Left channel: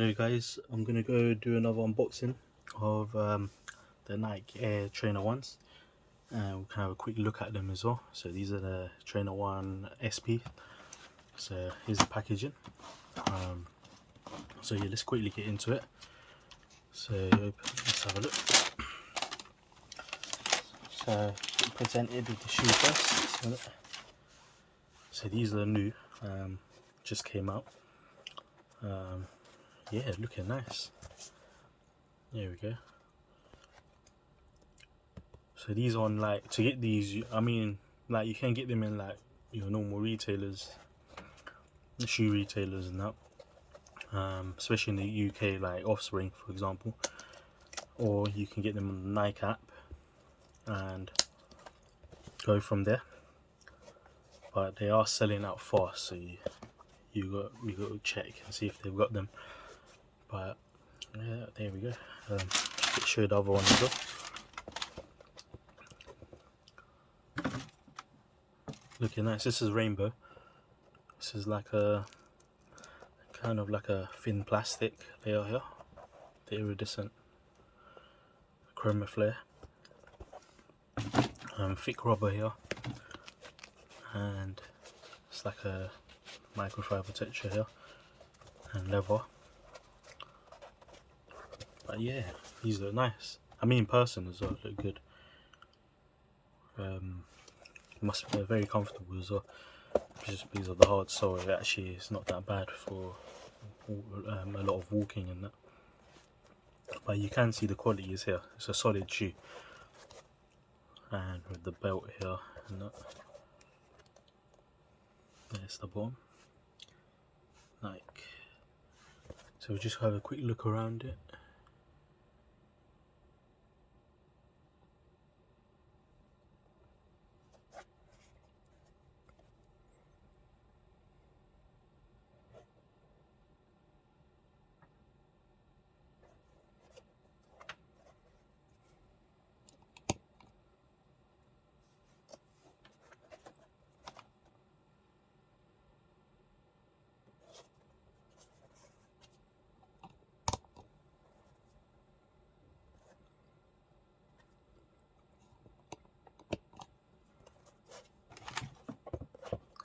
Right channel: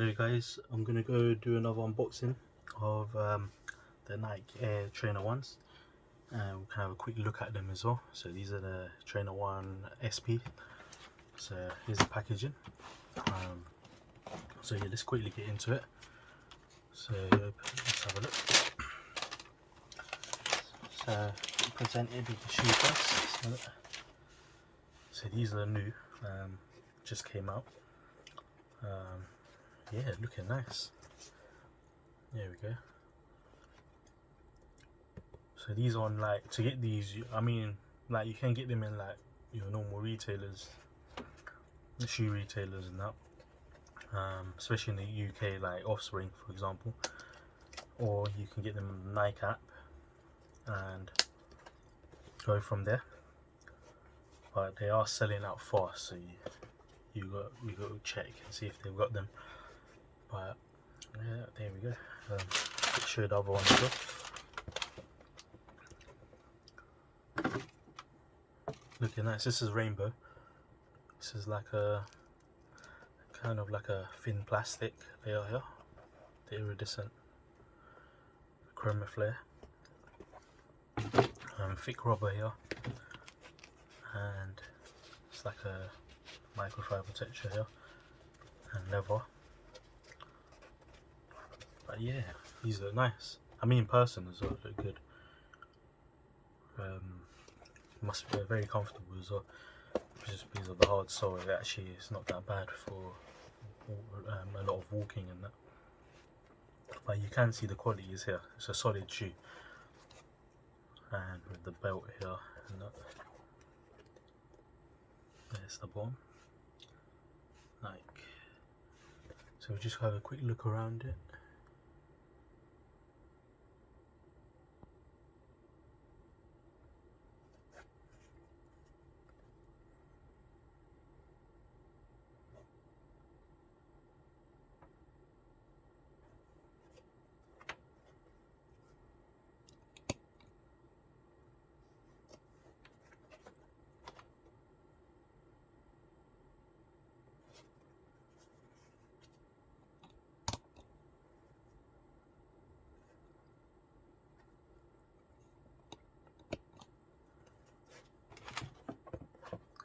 Hello guys, I'm gonna go do another unboxing of the Nike Air Trainer 1s, and we can have a quick look at them as well. So these are the Trainer 1 SP. So here's the packaging. So yeah, let's quickly get into it. So let's have a look. So presented with the shoe first. So these are the new, just came out. Yeah, looking nice. There we go. So these on, like, to get these, I mean, like, you can get them in like your normal retailers, shoe retailers and that, especially in the UK, like Offspring for example, or you can get them on the Nike app and go from there. But they are selling out fast, so we got to check and see if they've got them. But yeah, there we go. Let's show the other one as well. Looking nice. This is rainbow. This is like a kind of like a thin plastic layer here, the iridescent chroma flare, thick rubber here, and it's like a microfiber texture here, and leather. But yeah, these look nice. I mean, in person as well, look good. Must be very comfortable as well, just because of the hard sole. It actually is not that bad for a lot of walking and that. But you can see the quality is here. It's a solid shoe, and with the belt here and that. There's the bottom. Like, so we'll just have a quick look around it.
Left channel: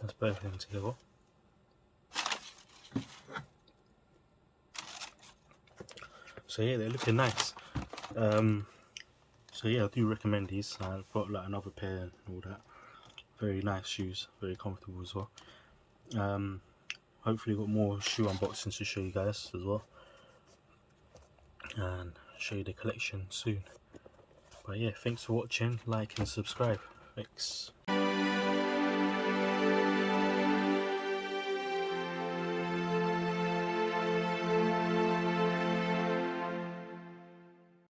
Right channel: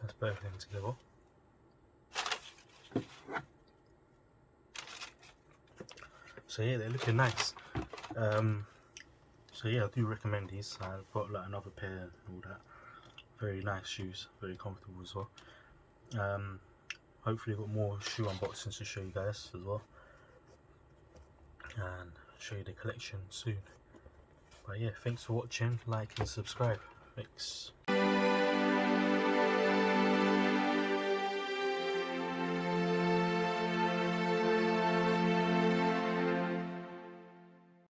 Let's put everything together. So yeah, they're looking nice. So yeah, I do recommend these. I've got like another pair and all that. Very nice shoes, very comfortable as well. Hopefully got more shoe unboxings to show you guys as well, and show you the collection soon. But yeah, thanks for watching, like and subscribe. Thanks.